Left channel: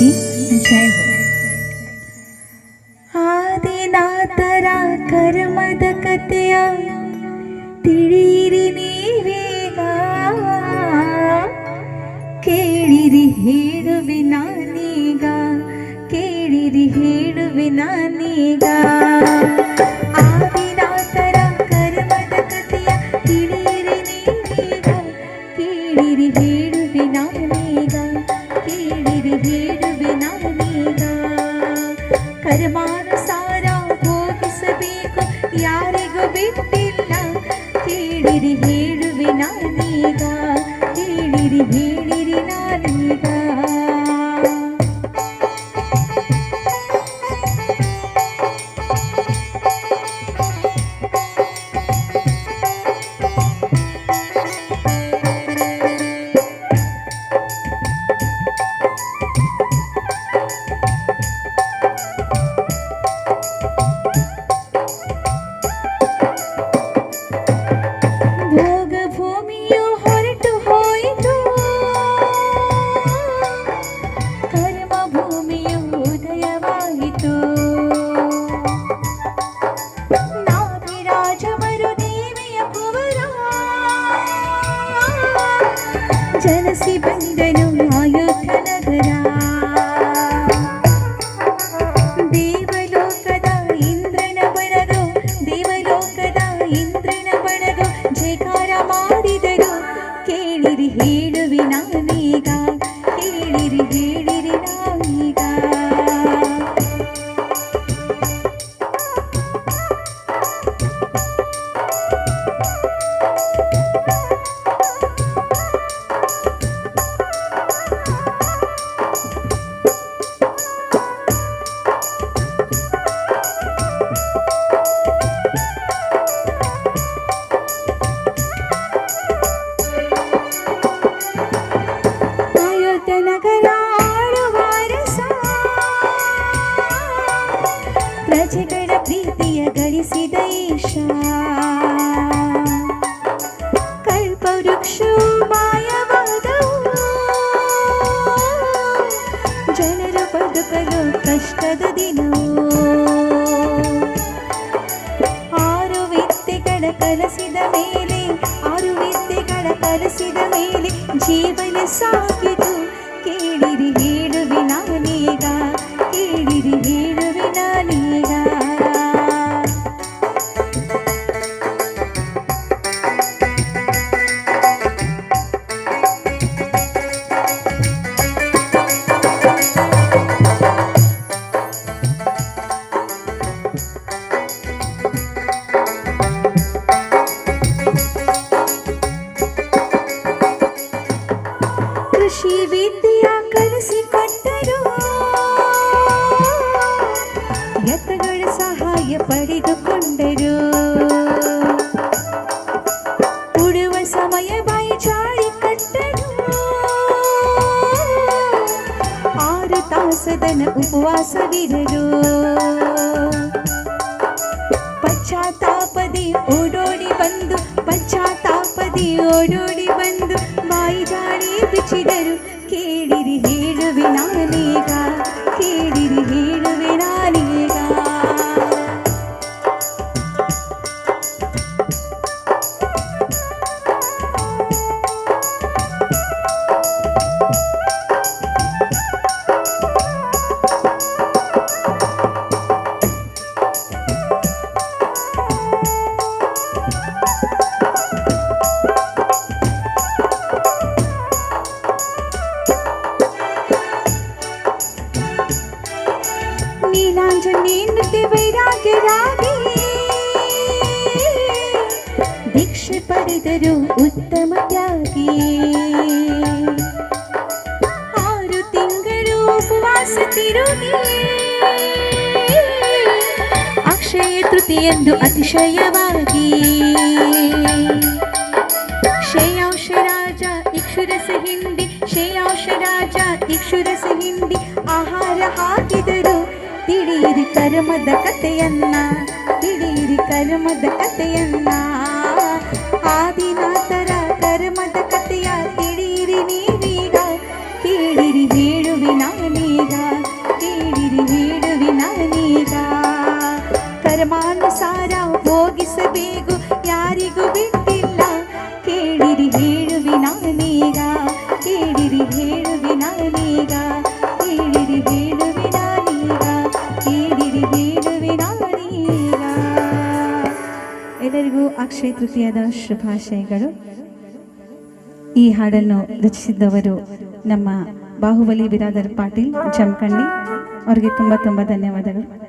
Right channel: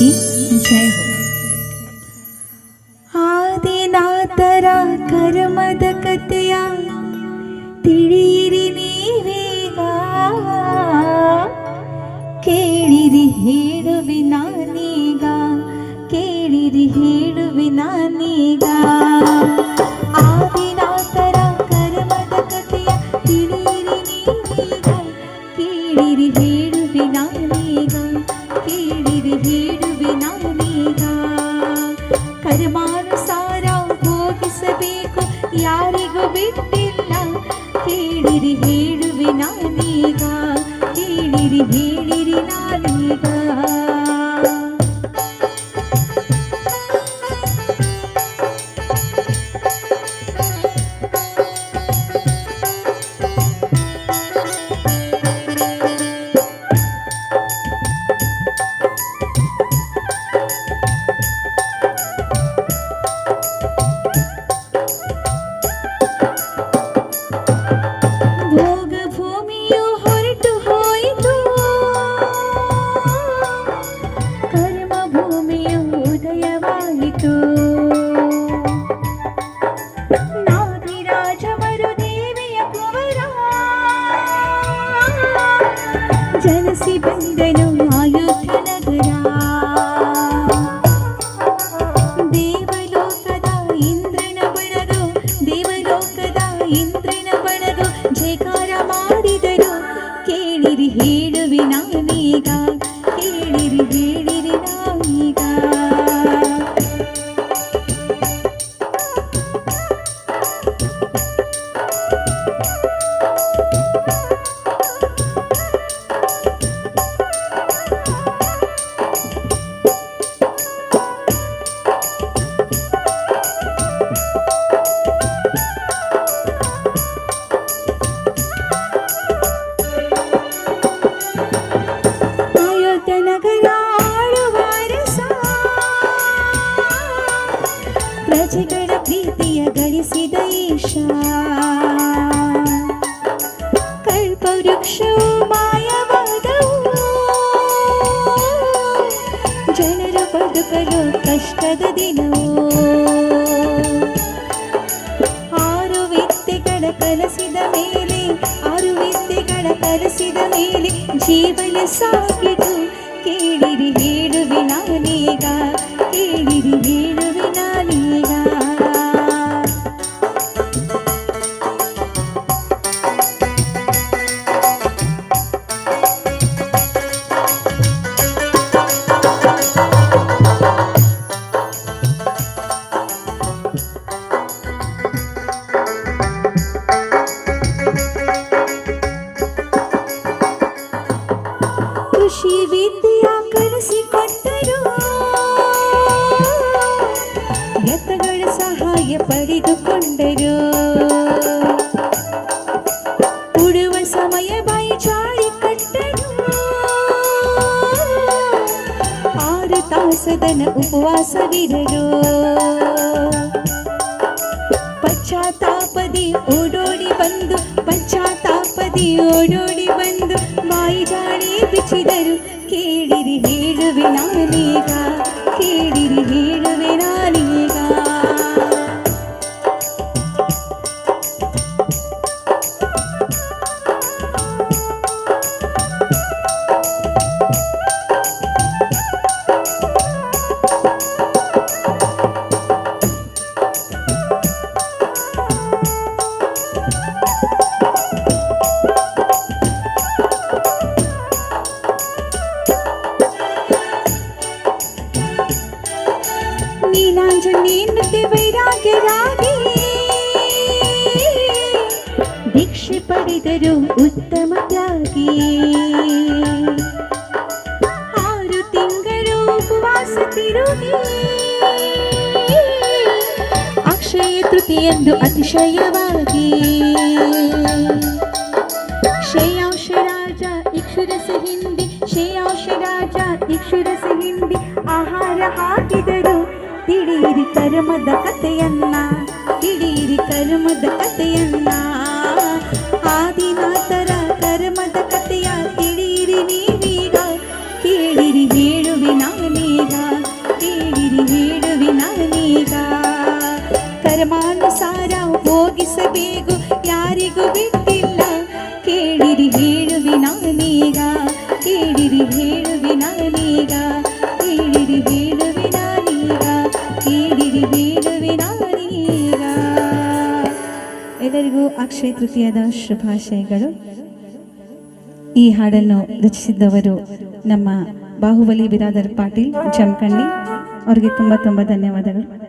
की जय हो। ಆದಿನಾಥರ ಕರ್ಮದ ಕಥೆಯ ತಿಳಿಯಿರಿ ನೀವೀಗ, ಕೇಳಿರಿ ಹೇಳುವೆ ನಾನೀಗ, ಕೇಳಿರಿ ಹೇಳುವೆ ನಾನೀಗ. ಆದಿನಾಥರ ಕರ್ಮದ ಕಥೆಯ ತಿಳಿಯಿರಿ ನೀವೀಗ, ಕೇಳಿರಿ ಹೇಳುವೆ ನಾನೀಗ, ಕೇಳಿರಿ ಹೇಳುವೆ ನಾನೀಗ. ಕರ್ಮಾನುಸಾರ ಭೋಗಿಸಬೇಕು ಯಾರಿಗೂ ಬಿಟ್ಟಿಲ್ಲ, ಕೇಳಿರಿ ಹೇಳುವೆ ನಾನೀಗ, ಕೇಳಿರಿ ಹೇಳಿರಿ ನಾನೀಗ. ಭೋಗ ಭೂಮಿಯು ಹೊರಟು ಹೋಯಿತು, ಕರ್ಮ ಭೂಮಿಯು ಉದಯವಾಯಿತು. ನಾದಿರಾಜವರು ದೇವಿಯ ಕುವರ, ಜನಿಸಿ ಬಂದನು ಅಯೋಧ್ಯ ನಗರ. ದೇವಲೋಕದ ಇಂದ್ರನ ಬಣದು, ದೇವಲೋಕದ ಇಂದ್ರನ ಬಣದು ಜಯಕಾರ ಮಾಡಿದರು, ಕೇಳಿರಿ ಹೇಳುವೆ ನಾನೀಗ, ಕೇಳಿರಿ ಹೇಳಿರಿ ನಾನೀಗ. ಅಯೋಧ್ಯ ನಗರ ಆಳುವ ಅರಸ, ಪ್ರಜೆಗಳ ಪ್ರೀತಿಯ ಗಳಿಸಿದ ಈಶ. ಕಲ್ಪವೃಕ್ಷವು ಮಾಯವಾದವು, ಜನರು ಬದುಕಲು ಕಷ್ಟದ ದಿನವು. ಆರು ವಿದ್ಯೆಗಳ ಕಲಿಸಿದ ಮೇಲೆ, ಆರು ವಿದ್ಯೆಗಳ ಕಲಿಸಿದ ಮೇಲೆ ಜೀವನ ಸಾಗಿತು, ಕೇಳಿರಿ ಹೇಳುವೆ ನಾನೀಗ, ಕೇಳಿರಿ ಹೇಳುವೆ ನಾನೀಗ. ಕೃಷಿ ವಿದ್ಯೆಯ ಕಲಿಸಿಕೊಟ್ಟರು, ಎತ್ತುಗಳ ಸಹಾಯ ಪಡೆದುಕೊಂಡರು. ಉಡುವ ಸಮಯ ಬಾಯಿ ಚಾಳಿ ಕಟ್ಟರು, 6 ತಾಸದನ ಉಪವಾಸವಿರರು. ಪಶ್ಚಾತ್ತಾಪದಿ ಓಡೋಡಿ ಬಂದು, ಪಶ್ಚಾತ್ತಾಪದಿ ಓಡೋಡಿ ಬಂದು ಬಾಯಿ ಜಾಡಿ ಬಿಚ್ಚಿದರು, ಕೇಳಿರಿ ಹೇಳುವೆ ನಾನೀಗ, ಕೇಳಿರಿ ಹೇಳುವೆ ನಾನೀಗ. ನೀನಾಂಜನೇಯನತೆ ವೈರಾಗ್ಯರಾಗಿ ದೀಕ್ಷೆ ಪಡೆದರು ಉತ್ತಮ ತ್ಯಾಗಿ. 6 ತಿಂಗಳು ಉಪವಾಸ ತಿರುಗಿ, ಅಕ್ಷಯ ತೃತೀಯಂದು ಅತಿಶಯವಾಗಿ ಶ್ರೇಯಾಂಶ ರಾಜ ಇಕ್ಷುರಸ ಹಿಂಡಿ, ಶ್ರೇಯಾಂಶ ರಾಜ ಇಕ್ಷುರಸ ಹಿಂಡಿ ಆಹಾರ ಹಾಕಿದರು, ತಿಳಿಯಿರಿ ಕರ್ಮದ ಕಥೆಯನ್ನ, ತಿಳಿಯಿರಿ ಕರ್ಮದ ಕಥೆಯನ್ನ. ಆದಿನಾಥರ ಕರ್ಮದ ಕಥೆಯ ತಿಳಿಯಿರಿ ನೀವೀಗ, ಕೇಳಿರಿ ಹೇಳುವೆ ನಾನೀಗ, ಯಾರಿಗೂ ಬಿಟ್ಟಿಲ್ಲ ಕೇಳಿರಿ ಹೇಳುವೆ ನಾನೀಗ ಕೇಳಿರಿ ಹೇಳುವೆ ನಾನೀಗ ಕೇಳಿರಿ ಹೇಳುವೆ ನಾನೀಗ ಕೇಳಿರಿ ಹೇಳುವೆ ನಾನೀಗ. ಎಲ್ಲರಿಗೂ ಅಕ್ಷಯ ತೃತೀಯದ ಶುಭಾಶಯಗಳು. ಈ ಹಾಡನ್ನು ರಚಿಸಿದ್ದವರು ನಮ್ಮ ಬಾಹುಬಲಿ ಬಿರಾದರ್ ಪಾಟೀಲ್ ಜಮಖಂಡಿ. ಅವರಿಗೆ ತುಂಬ ಧನ್ಯವಾದಗಳು.